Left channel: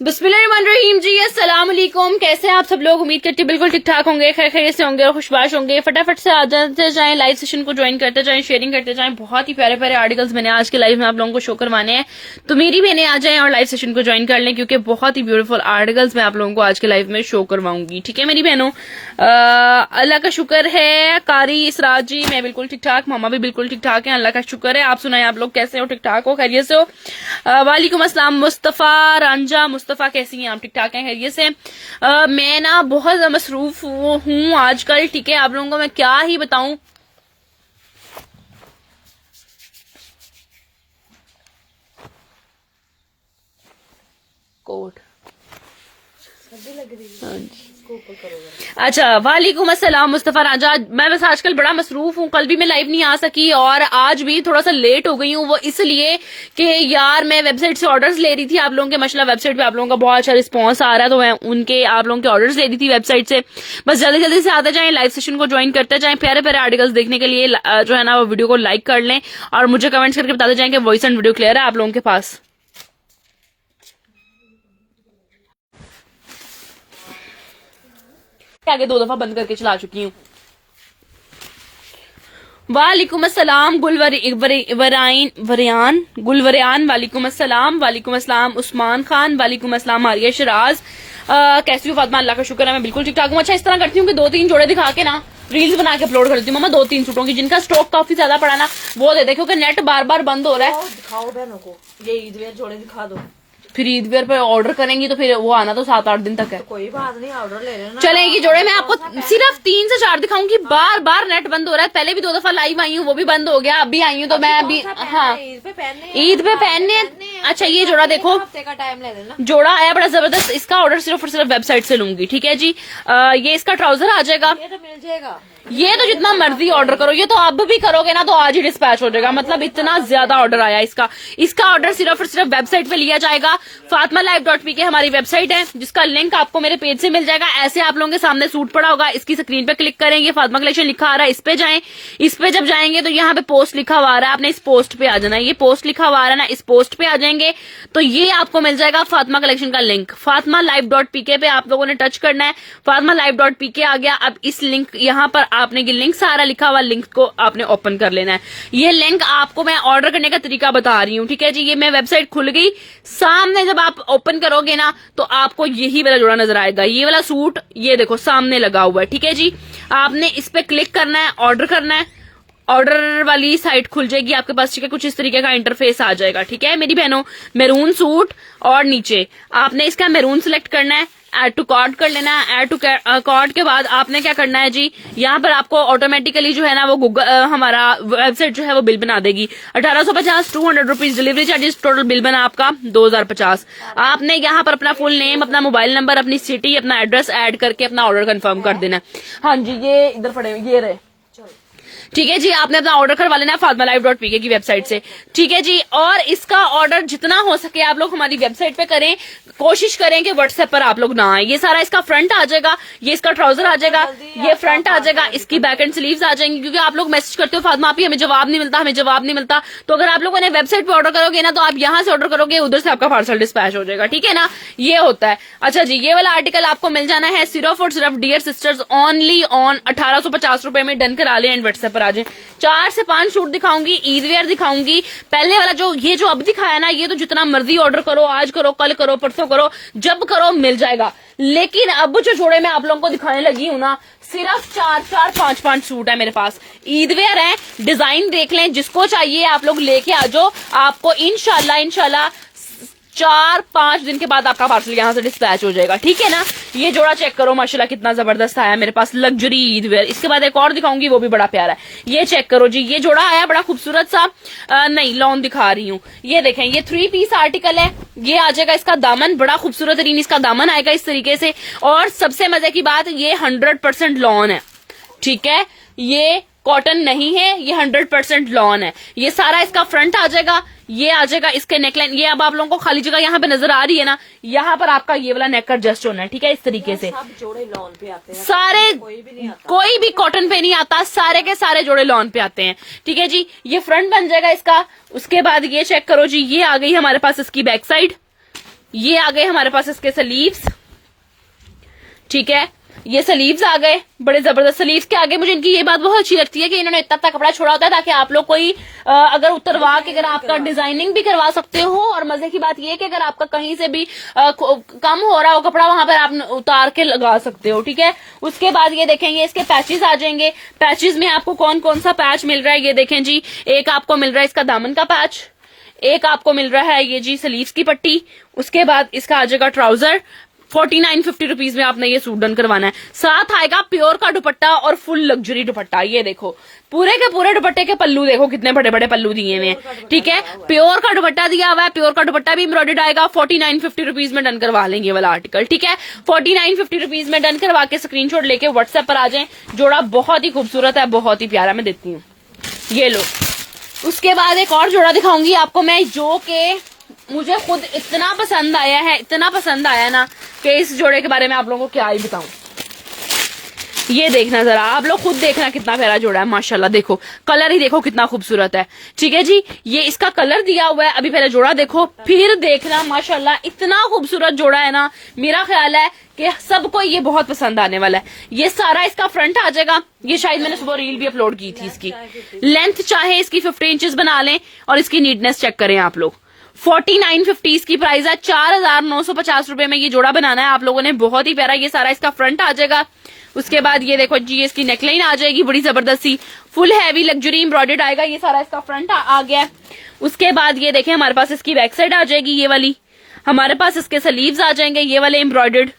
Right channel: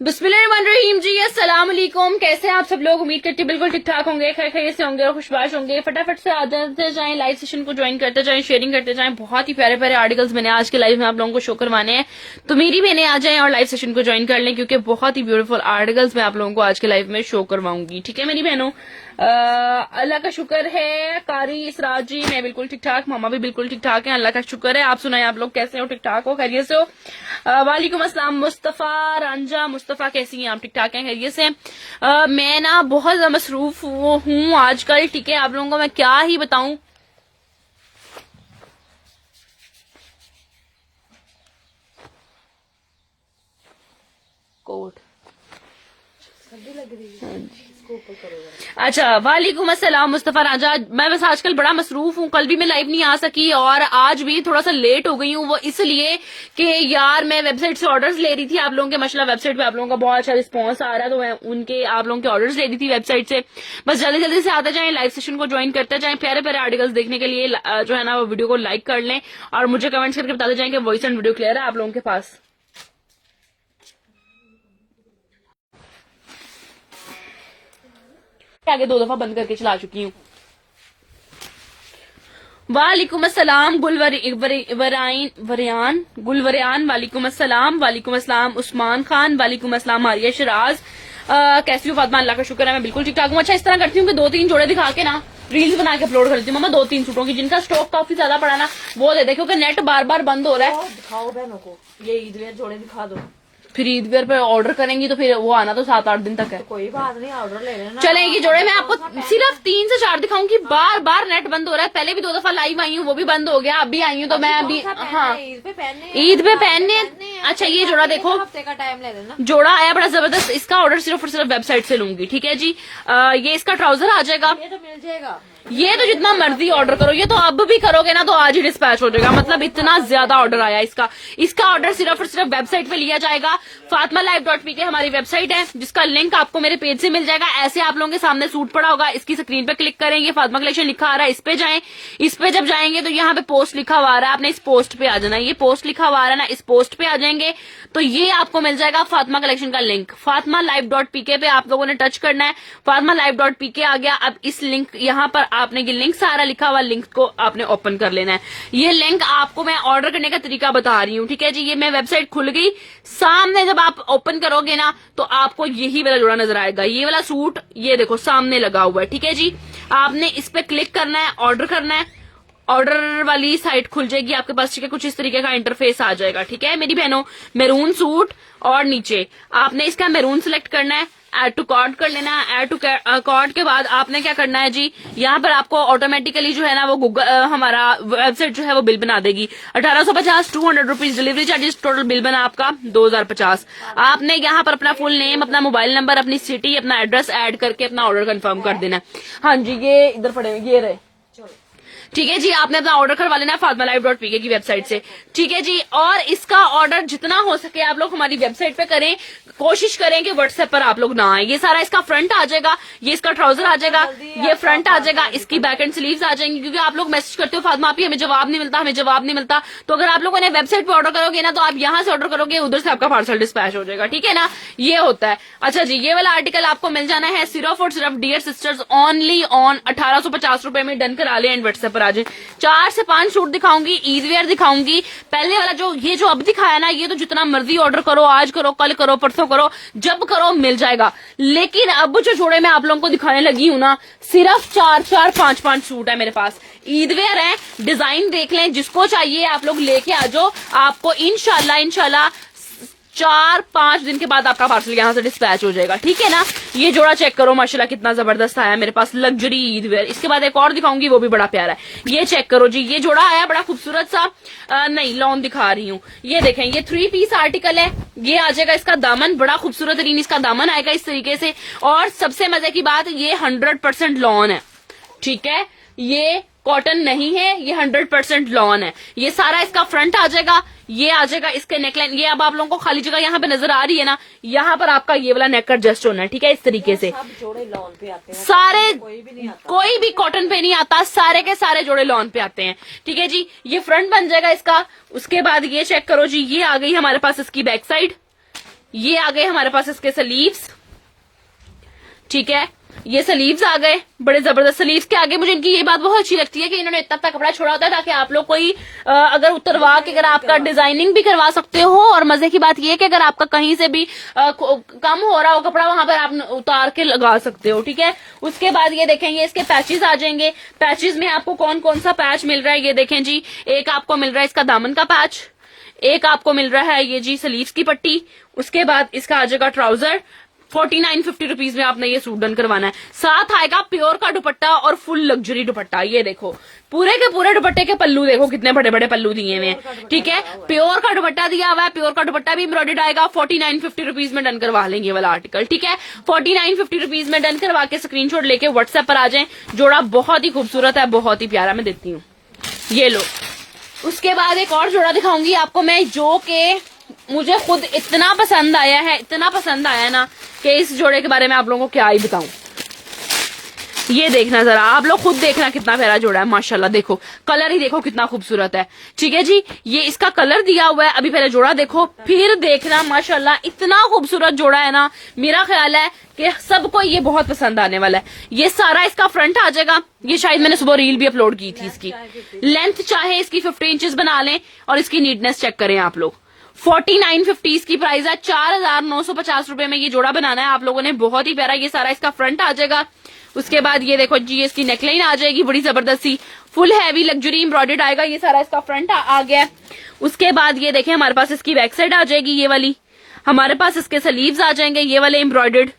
बिस्मिल्लाहिर्रहमानिर्रहीम जी, अस्सलाम वालेकुम। कैसे हैं आप सब लोग? उम्मीद करती बिल्कुल ठीक ठाक होंगे, खैर खैरियत से होंगे और खुशबाश होंगे। फटाफट से आ जाते जाएं, लाइव सेशन को ज्वाइन करते जाएं, शेयरिंग करते जाएं। बहुत ही प्यारे प्यारे आर्टिकल्स मैंने आज के लाइव में आप लोगों को शो करवाने हैं, तो मेरी बहनें आ जाएं और लाइव सेशन को ज्वाइन कर लें, क्योंकि बहुत ही ब्यूटीफुल आर्टिकल्स मैं आप लोगों को आज के लाइव में शो करवाऊंगी। ठीक है मेरी बहनों, अल्लाह का शुक्र है। कारी इसराज जी, मैं बिल्कुल ठीक ठाक, मामा भी बिल्कुल ठीक ठाक है, अल्लाह का शुक्र है। आप सुनाए, आप लोग कैसे हो? ठीक ठाक हो, खैरियत से हो? वालेकुम अस्सलाम मुस्तफा रंजा। मुस्तफा कैसी हैं आप? ठीक ठाक हैं, खैरियत से? मैं ना बहुत ज्यादा मसरूफ हूँ आजकल, ठीक है। आप लोगों को मैं क्या ही बताऊं। कोट लग रही है। हाँ जी, अच्छा, वालेकुम अस्सलाम मुस्तफा राजा। मैं बस आजकल बड़ा मसरूफ हूँ, कल भी मैं लाइव नहीं आ सकी और आज भी थोड़ा सा लेट हो गई हूँ। वो इसलिए कि यार मैं वेबसाइट से ऑर्डर्स ले रही थी आप लोगों के। माशाल्लाह वेबसाइट पे आप लोगों का बहुत अच्छा रिस्पांस आ रहा है, तो मैं उनके आप लोगों के ऑर्डर्स ले रही थी वेबसाइट से। बस जल्दी जल्दी से आते जाएं, लाइव सेशन को ज्वाइन करते जाएं। प्यारे प्यारे आर्टिकल्स देखने के लिए जो है ना वो वीडियो को लाइक कर लें और मुझे कमेंट्स करके बताते जाएं कि वॉइस एंड वीडियो क्लियर है आप लोगों के पास। आगे 2 दफा बंद करके चला चुकी हूँ। वालेकुम अस्सलाम गुलवरियान, वालेकुम अस्सलाम। वालेकुम अस्सलाम उस्मान खान, वालेकुम अस्सलाम आरिया शराज। कैसी हो फातिमा? अल्लाह का शुक्र है, मैं बिल्कुल ठीक ठाक हूँ। अच्छा, इस तरह करती हूँ कि 2-3 जोड़े दिखा के ना रील्स बना के अपलोड करती हूँ। मम्मा 2-3 सूटों की जिनका स्टॉक काफी ज्यादा पड़ा ना वो दे दे, क्योंकि नेट बार बार बंद हो रहा है। दिखाओ बहनों को, ये ईद वेयर जोड़े दिखा दो। फिर ईद वेयर पे ऑर्डर करेंगी तो फिर वो आना तो 7-8 दिन तक है। तो कोई बात नहीं, ऑर्डर ले लेना। चलेगी जोड़े। मैं आपको सिर्फ 3 से 4 दिखाऊंगी। बार बार नेट बंद हो रहा है। पहले भी 2 दफा लाइव आई हूँ, वो भी बंद हो गया। अभी आई हूँ तो मैं अभी हाँ ईद पे पहनने। अच्छा, ये जोड़ा देखो, हफ्ते का टाइम ले लेना। जोड़ा आया बड़ा जबरदस्त। इसका ऑर्डर सिर्फ और सिर्फ वेबसाइट से लूंगी, ठीक है जी। ये इसका ट्राउजर आ जाएगा, ये तो मिल जाएगा। ये तो जितना मर्जी ऑर्डर करो, ये तो अब भी करोगे ना तो आज ही डिस्पैच हो जाएगा। मतलब इतना ज्यादा ऑर्डर आया इसका। इसका ऑर्डर सिर्फ और सिर्फ वेबसाइट पे लिया जाएगा। fatmalive.pk हमारी वेबसाइट है, जिसका लिंक आपको मेरे पेज से मिल जाएगा। ऐसे आप लोगों के सामने सूट पड़ा होगा, इसकी स्क्रीन पे क्लिक करेंगे, फातिमा कलेक्शन लिखा आ रहा है, इस पे जाएं। इस पे जब जाएंगे तो यहाँ पे पोस्ट लिखा हुआ आ रहा है, आपने इस पोस्ट पे आ जाना है। ये पोस्ट लिखा हुआ आ रहा है ना, इस पोस्ट पे आ जाएंगे तो ये आपको मिल जाएगा फातिमा कलेक्शन का लिंक। fatmalive.pk पे आप लोगों ने टच करना है। fatmalive.pk आ गया। अब इस लिंक यहाँ पर आपने लिंक सारा लिखा हुआ लिंक को आपने ओपन कर लेना है। ये लिंक आपको मैं ऑर्डर करने का तरीका बता रही हूँ, ठीक है जी। ये मैं वेबसाइट खुल गई, सामने जब आप ओपन करोगे ना तो आपको यही वाला जोड़ा नजर आएगा। ये वाला सूट ये देखो सामने लगा हुआ है, ठीक है जी। आपने इस पे क्लिक करना है, ऑर्डर करना है। ऑर्डर वाली साइट खुल जाएगी आपके पास, ठीक है। कुछ इस तरीके का इंटरफेस आ जाएगा, ठीक है मेरी बहनों। मैरून सूट और नीचे आपने इसका मैरून सिलेक्ट करना है, ऐड टू कार्ट कर लेना है। ऐड टू कार्ट के बाद आपने क्या करना है जी, यहाँ पर आपको ऑटोमेटिकली जो है ना वो गूगल हमारा वेबसाइट जो है वो बिल बना देगी। 1850 200 rupees delivery charges, total bill बना आपका 2050। आपने यहाँ पर अपना फुल नेम, अपना मोबाइल नंबर, अपनी सिटी, अपना एड्रेस ऐड करके अपना ऑर्डर कंफर्म कर देना है। हाँ जी, ये इधर पड़े, ये रहे, ठीक है जी। आपने अपना ऑर्डर करवा लेना है fatmalive.pk की वेबसाइट से, ठीक है जी। और इसका ऑर्डर जितना हो सके आप लोग हमारी वेबसाइट पे करें, कोशिश करें कि व्हाट्सएप पर आप लोग ना आए। ये सारा इसका फ्रंट आ जाएगा, ये इसका ट्राउजर आ जाएगा, ये फ्रंट आ जाएगा, इसकी बैक एंड स्लीव्स आ जाएंगी। क्योंकि आप लोग मैसेज करते हो फातिमा आपी हमें जवाब नहीं मिलता, हमें जवाब नहीं मिलता। तो अगर आप लोगों ने वेबसाइट पे ऑर्डर करोगे ना तो आप यहाँ से ऑर्डर करोगे, उधर से आपका पार्सल डिस्पैच हो जाएगा, ठीक है ना। ये होता है। अच्छा जी, ये वाला आर्टिकल आपको मिल जाना है सिर्फ और सिर्फ डियर सिस्टर्स ओनली ऑन 1850 रुपए में। डन करा लें एंड व्हाट्सएप पर आ जाए। 4 से 5 सूट दिखाऊंगी, ईद वेयर दिखाऊंगी। पहले वाला जो ये जो अब दिखाया ना, ये तो जितना मर्जी ऑर्डर करो, आज करो, कल करो, परसों करो, जब करो मिल जाएगा। लेकिन अब जो जोड़े मैं आप लोगों को दिखाने लगी हूँ ना, सिर्फ 4-4, 5-5 सूट है मेरे पास। ईद वेयर है, डिजाइन देख लें, जिसको चाहिए आप लोग लेके आ जाओ। आपको इंशाल्लाह 4-5 दिन के बाद आपका पार्सल यहाँ से डिस्पैच हो जाएगा, ठीक है ना। ये जोड़ा चेक करो माशाल्लाह कितना जबरदस्त आया मेरे पास, लग्जरी ईद वेयर। इसके बाद एक और दिखाऊंगी, वो भी बड़ा प्यारा है। ये चेक करो जी, ये जोड़ा आया बड़ा खूबसूरत सा, नहीं लॉन दिखा रही हूँ। ये देखें, ये 3 पीस आर्टिकल है। ये आ जाएगा, इसका दामन बड़ा खूबसूरत तरीन इसका दामन आएगा इस तरीके से। और सबसे मजे की बात, ये 100% लॉन है, ठीक है। ये कॉटन नहीं है, ये 100% लॉन है। ये सारा इसका फ्रंट आ जाएगा, ये आ जाएगा इसके नेकलाइन। ये अब आप लोगों को खाली जगह यहाँ पे नजर आ रही है ना, यहाँ पर आपका ये वाला नेक एडजस्ट होना है, ठीक है, इस तरीके से। सब जोड़े लॉन पे आते हैं, सारे कोई भी कॉटन पे नहीं आता, सारे के सारे जोड़े लॉन पे आते हैं, ठीक है जी। ये फ्रंट बन जाएगा इसका। उसके बाद ये चेक करो जी, ये आ गई हमारे पास इसकी बैक साइड, ये आ गए हमारे पास इसके स्लीव्स, ठीक है। ये स्लीव्स आ गए, बड़े जबरदस्त स्लीव्स के आगे। मुझे इनकी ये बात बहुत अच्छी लगती है कि इन्होंने इतना कपड़ा छोड़ा होता है ताकि आप लोग कोई अगर उतरवा के अगर आपका डिजाइनिंग भी करवा सकते हो। और मजे की बात ये है कि अगर आपका कहीं से भी कम हो रहा हो कपड़ा, वहां पर आप उतार के लगा सकते हो, ठीक है। उसके बाद ये देखेंगे इसके पैचेस आ जाएंगे। पैचेस में आपको कौन कौन सा पैच मिल रहा है ये देखें जी। एक आपको मिल रहा है इसका दामन का पैच, एक आपको मिल रहा है ये जी स्लीव्स की पट्टी। उसके बाद इसका आ जाएगा ट्राउजर। 49-50 रुपीज में आपने ये सूट डन करवाना है। साथ आएगा प्योर का दुपट्टा और फुल लग्जरी दुपट्टा। ये देखो पूरे के पूरे दुपट्टे के पल्लू देखो कितने बड़े बड़े पल्लू दिए हुए हैं, ठीक है। प्योर का दुपट्टा दिया हुआ है, प्योर का दुपट्टा भी एम्ब्रॉयडर्ड आएगा। 49-50 रुपीज में डन करवा लेंगे वाला आर्टिकल, ठीक है। 49-50 रुपीज में डन करवा के स्क्रीनशॉट लेके व्हाट्सएप पर आ जाए। जोड़ा बहुत ही खूबसूरत है, बहुत ही प्यारा। मैं देखती हूँ, ये लो। उसके बाद एक और जोड़ा दिखाऊंगी आपको मैं, जो कि मुझे खुद इतना पसंद आया है, इतना पसंद आया ना कि इस जोड़े के बारे में आप लोगों को क्या ही बताऊं। ये देखना जरा, आप लोग खुद देखना कितना प्यारा जोड़ा है माशाल्लाह। देखो कलर ही देखो कितना खूबसूरत है, ठीक है जी। ये इसका कलर दिया हुआ है। अभी पहले जोड़ा देखो फिर देखना, माशाल्लाह इतना खूबसूरत जोड़ा है ना। मेरा ख्याल है कि सबको ये बहुत पसंद आने वाला है। ये सारा इसका फ्रंट आ जाएगा। ये शायद मैंने सुबह रील भी अपलोड की थी इसकी। लेंथ चाहे इसकी 50 इंचेस बना लें और इसकी नीटनेस चेक करें आप लोग। 49.50 इसकी प्राइस है। 4,950 रुपए में ये जोड़ा बनाना है आप लोगों ने, बहुत ही प्यारा। ये सारा इसका फ्रंट आ जाएगा। उसके बाद ये देखो जी, इसकी नेकलाइन आ जाएगी बड़ी जबरदस्त सी, फुल हैवी लग्जरी एम्ब्रॉयडर्ड आएगा। ये सारा इसका फ्रंट आ गया। उसके बाद ये देखें हमारे पास इसकी बैक साइड आ जाएगी ये वाली। हमारे पास इसके स्लीव्स आ जाएंगे ये वाले एम्ब्रॉयडर्ड।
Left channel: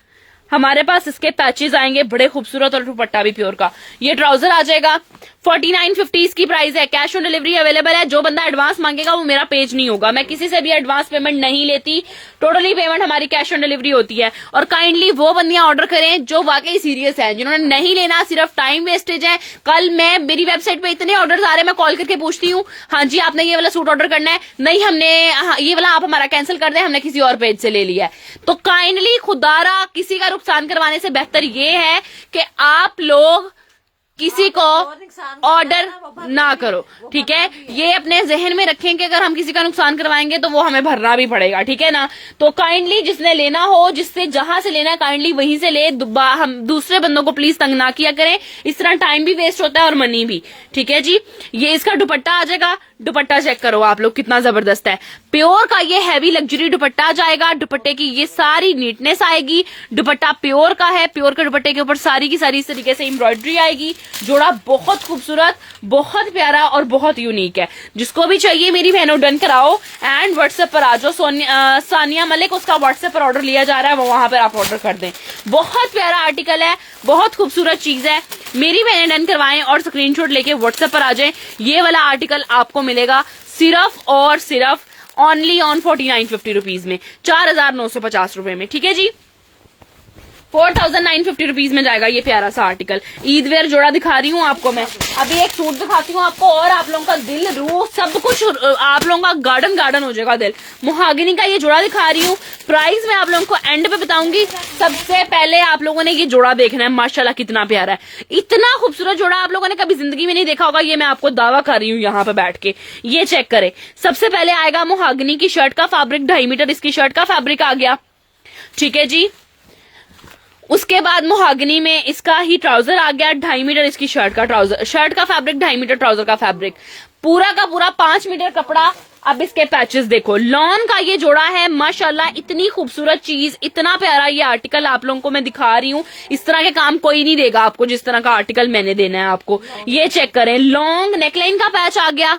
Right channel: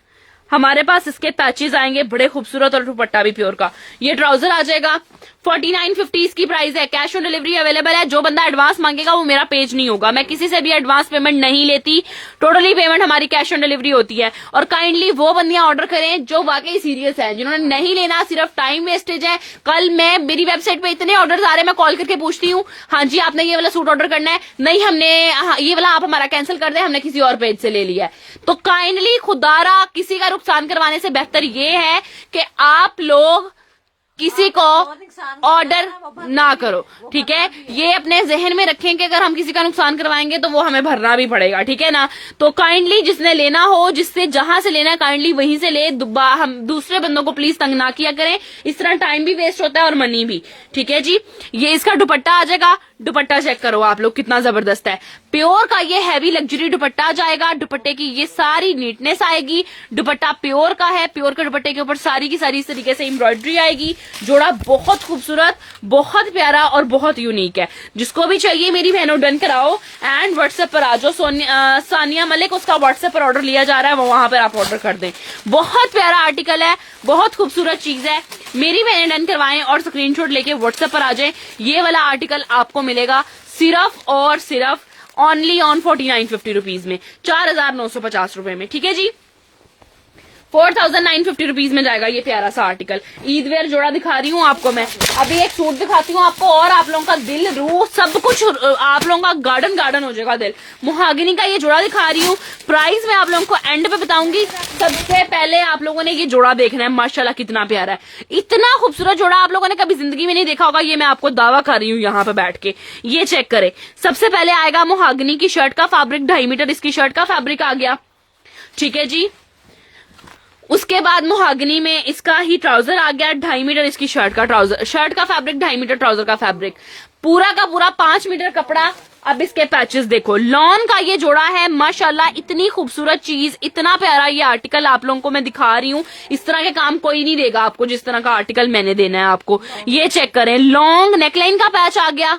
हमारे पास इसके पैचेस आएंगे बड़े खूबसूरत और दुपट्टा भी प्योर का। ये ट्राउजर आ जाएगा। 49.50 इसकी प्राइस है। कैश ऑन डिलीवरी अवेलेबल है। जो बंदा एडवांस मांगेगा वो मेरा पेज नहीं होगा, मैं किसी से भी एडवांस पेमेंट नहीं लेती। टोटली पेमेंट हमारी कैश ऑन डिलीवरी होती है। और काइंडली वो बंदियां ऑर्डर करें जो वाकई सीरियस है, जिन्होंने नहीं लेना, सिर्फ टाइम वेस्टेज है। कल मैं मेरी वेबसाइट पे इतने ऑर्डर आ रहे हैं, मैं कॉल करके पूछती हूँ, हाँ जी आपने ये वाला सूट ऑर्डर करना है, नहीं हमने ये वाला आप हमारा कैंसिल कर दें, हमने किसी और पेज से ले लिया है। तो काइंडली खुदारा किसी का नुकसान करवाने से बेहतर ये है कि आप लोग किसी को ऑर्डर ना करो, ठीक है। ये अपने जहन में रखें कि अगर हम किसी का नुकसान करवाएंगे तो वो हमें भरना भी पड़ेगा, ठीक है ना। तो काइंडली जिसने लेना हो, जिससे जहां से लेना है काइंडली वहीं से ले। हम दूसरे बंदों को प्लीज तंग ना किया करें, इस तरह टाइम भी वेस्ट होता है और मनी भी, ठीक है जी। ये इसका दुपट्टा आ जाएगा। दुपट्टा चेक करो आप लोग कितना जबरदस्त है। प्योर का ये हैवी लग्जरी दुपट्टा जाएगा। दुपट्टे की ये सारी नीटनेस आएगी। दुपट्टा प्योर का है। प्योर के दुपट्टे के ऊपर सारी की सारी इस तरीके से एम्ब्रॉयडरी आएगी। जोड़ा बहुत खूबसूरत, बहुत प्यारा और बहुत यूनिक है। जिसको भी चाहिए मेरी बहनों डन कराओ एंड व्हाट्सएप पर आ जाओ। सानिया मलिक, उसका व्हाट्सएप पर ऑर्डर लिया जा रहा है, वो वहां पर आप ऑर्डर कर दें। बहुत प्यारा आर्टिकल है, बहुत खूबसूरत चीज है। मेरी बहनें डन करवाएं और स्क्रीनशॉट लेके व्हाट्सएप पर आ जाएं। ये वाला आर्टिकल आपको मिलेगा सिर्फ और सिर्फ ओनली ऑन 49.50 रुपीज में, 4,950 रुपए में, ठीक है जी। 4,950 रुपीज में जाएगा ये प्यारा सा आर्टिकल। ईद वेयर जोड़ा दिखा रही हूँ आपको मैं। अभी एक सूट दिखाती हूँ आपको और आप लोगों का दिल, रूह, सब कुछ आप लोगों का गार्डन गार्डन हो जाएगा दिल। मुहागिनी का ये जोड़ा दिखा रही हूँ। प्राइस मैं आप लोगों को एंड पे बताऊंगी। सबसे पहले आप लोगों ने ये जोड़ा देखना है, माशाल्लाह कितना प्यारा है। इतना खूबसूरत जोड़ा आप लोगों ने कभी जिंदगी में नहीं देखा होगा, ये मैं आपको दावा कर रही हूँ यहाँ पे बैठ के। ये चेक करें। सबसे पहले आएगा मुहागिनी की शर्ट का फैब्रिक, 2.5 मीटर इसकी शर्ट का फैब्रिक आ गया, ठीक है जी। उसके बाद मुहागनी में इसका ही ट्राउजर आ गया, 2.5 मीटर इसकी शर्ट का ट्राउजर, शर्ट का फैब्रिक, 2.5 मीटर ट्राउजर का फैब्रिक, पूरा का पूरा 5 मीटर कपड़ा। अब इसके पैचेस देखो, लॉन का ये जोड़ा है, माशाल्लाह इतनी खूबसूरत चीज, इतना प्यारा ये आर्टिकल आप लोगों को मैं दिखा रही हूँ। इस तरह के काम कोई नहीं देगा आपको जिस तरह का आर्टिकल मैंने देना है आपको। ये चेक करें, लॉन्ग नेकलाइन का पैच आ गया,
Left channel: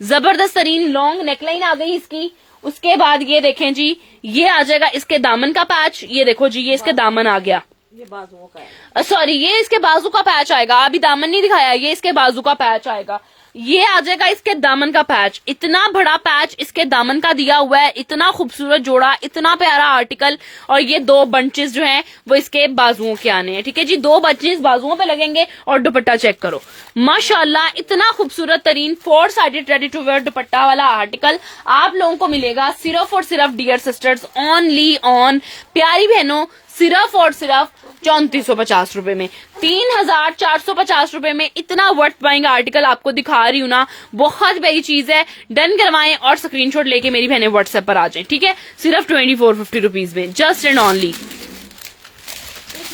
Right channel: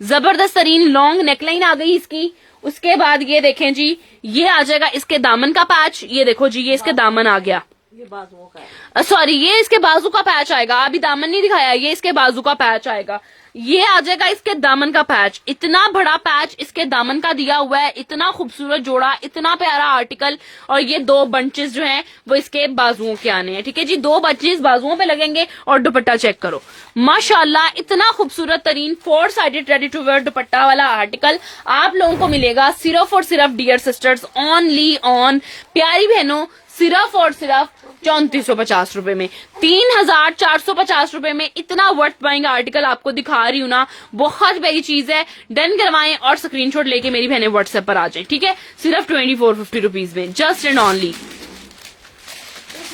जबरदस्त तरीन लॉन्ग नेकलाइन आ गई इसकी। उसके बाद ये देखें जी, ये आ जाएगा इसके दामन का पैच। ये देखो जी, ये इसके दामन आ गया, ये बाजुओं का है। सॉरी ये इसके बाजू का पैच आएगा, अभी दामन नहीं दिखाया, ये इसके बाजू का पैच आएगा। ये आ जाएगा इसके दामन का पैच। इतना बड़ा पैच इसके दामन का दिया हुआ है, इतना खूबसूरत जोड़ा, इतना प्यारा आर्टिकल। और ये 2 बंचेस जो हैं वो इसके बाजुओं के आने हैं। ठीक है जी, 2 बंचेस बाजुओं पे लगेंगे। और दुपट्टा चेक करो, माशाल्लाह इतना खूबसूरत तरीन 4 sided ready to wear dupatta वाला आर्टिकल आप लोगों को मिलेगा सिर्फ और सिर्फ डियर सिस्टर्स ओनली ऑन, प्यारी बहनों, सिर्फ और सिर्फ 3450 रुपए में, 3450 रुपए में इतना वर्थ बाइंग आर्टिकल आपको दिखा रही हूँ ना, बहुत बड़ी चीज है। डन करवाएं और स्क्रीनशॉट लेके मेरी बहनें व्हाट्सएप पर आ जाएं। ठीक है, सिर्फ 2450 रुपीज में, जस्ट एंड ओनली। ये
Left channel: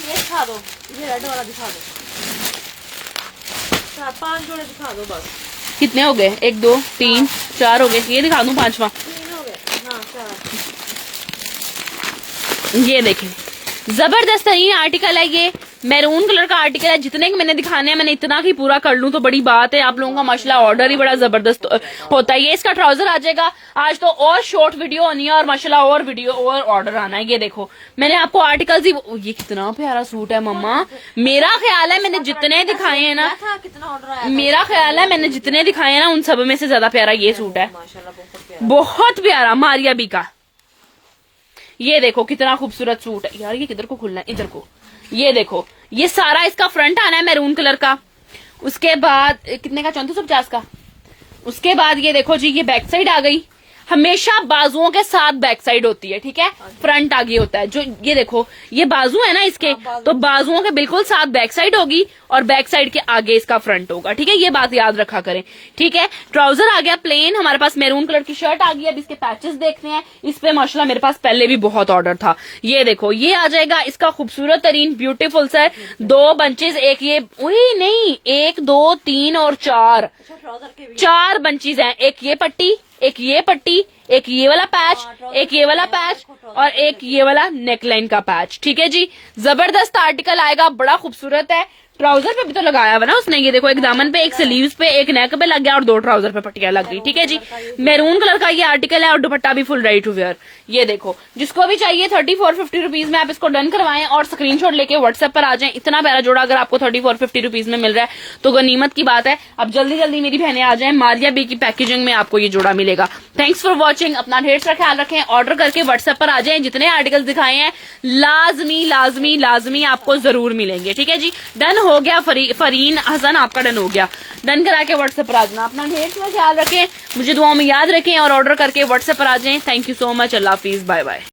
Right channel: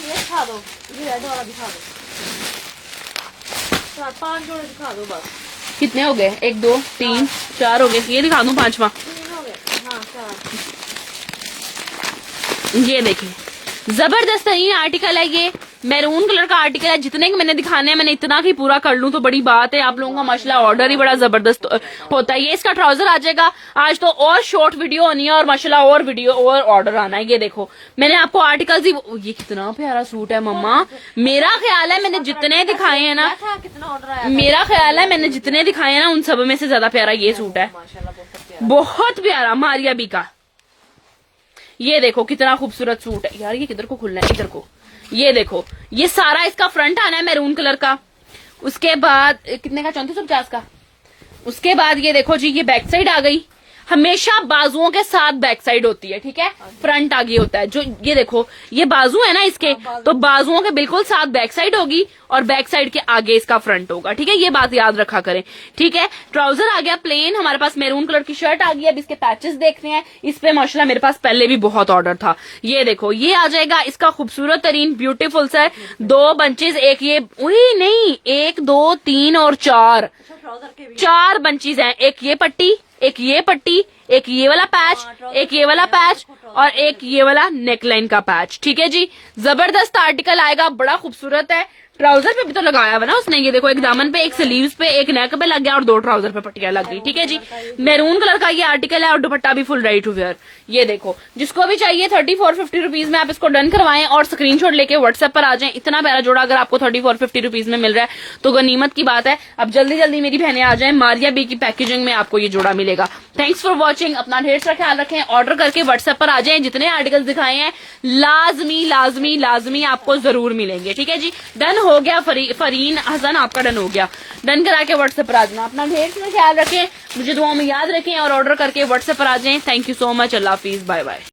दिखा दो, ये रेड वाला दिखा दो, 4-5 जोड़े दिखा दो बस। कितने हो गए? 1 2 3 4 हो गए। ये दिखा दूं 5वां? 3 हो गए, हाँ 4। ये देखें, जबरदस्त तरीन आर्टिकल है। ये मैरून कलर का आर्टिकल है। जितने के मैंने दिखाने हैं, मैंने इतना की पूरा कर लूं तो बड़ी बात है। आप लोगों का माशाल्लाह ऑर्डर ही बड़ा जबरदस्त होता है। ये इसका ट्राउजर आ जाएगा। आज तो और शॉर्ट वीडियो होनी है और माशाल्लाह और वीडियो और ऑर्डर आना है। ये देखो, मैंने आपको आर्टिकल्स ही, ये कितना प्यारा सूट है मम्मा। मेरा ख्याल है मैंने जितने दिखाए हैं ना, कितना ऑर्डर आया, मेरा ख्याल है मैंने जितने दिखाए हैं ना, उन सब में से ज्यादा प्यारा ये सूट है। माशाल्लाह बहुत प्यारा। बहुत प्यारा मारिया बी का। ये देखो कितना खूबसूरत सूट है यार। ये किधर को खुलना है? इधर को। ये देखो, ये सारा इसका फ्रंट आना है मैरून कलर का। उसके बाद कितने का? 3450 का। उसके बाद ये देखो जी, ये बैक साइड आ गई। हमेशा बाजुओं के साथ बैक साइड होती है। ठीक है, फ्रंट आगे होता है। जो ये देखो, ये बाजू है ना इसके, तो बाजुओं के बिल्कुल साथ बैक साइड होगी और बैक साइड के आगे इसका फ्रंट होगा। ठीक है, ये बात याद रखा करें। ठीक है, ट्राउजर आ गया प्लेन। हमारे पास मैरून कलर की शर्ट आ गई। अब इसके पैचेस देखते हैं। इस पे माशाल्लाह मेरे पास पहले भी बहुत ऑर्डर था। ये देखो, ये आ जाएगा इसका खूबसूरत तरीन ब्यूटीफुल सा 2 बंचेस। एक ये, नहीं 1 2 3 और 4 ट्राउजर के भी 4 बंचेस हैं। एक ये पट्टी, एक ये पट्टी, एक ये वाला पैच, एक ये वाला पैच और एक ये वाला नेकलाइन का पैच। ठीक है जी, जबरदस्त आर्टिकल आएगा, बड़ा खूबसूरत है। ट्राउजर पे भी तो लगाया हुआ ना उसने। ये देखो, एक दामन पे, एक स्लीव्स पे, एक नेक पे लग गया और 2 ट्राउजर पे पट्टियां लग गई। ठीक है जी, मैरून कलर का ये आर्टिकल है और दुपट्टा भी फुल रेडी टू वेयर। ये देखो, जिसको भी चाहिए 3450 रुपीज में आप इसको डन करवाएं और स्क्रीनशॉट लेके व्हाट्सएप पर आ जाएं। इतना प्यारा जोड़ा अगर आपको 3450 रुपीज में मिल रहा है तो गनीमत की बात है। अब जल्दी जल्दी मेरी बहनें आ जाएं। मारिया बी की पैकेजिंग में आपको ये जोड़ा मिलेगा। Thanks for watching. अपना ढेर सारा ख्याल रखें। ऑर्डर करके व्हाट्सएप पर आ जाएं। जितने आर्टिकल्स दिखाए हैं लाजमी लाजमी लाजमी आपको जरूर मिलेंगे। ठीक है जी, डन हो गया। फरीन हसन आपका डन हो गया। डन करा के व्हाट्सएप पर आ जाना। अपना ढेर सारा ख्याल रखें, मुझे दुआओं में याद रखें और ऑर्डर करके व्हाट्सएप पर आ जाएं। Thank you so much. अल्लाह हाफिज, बाय बाय।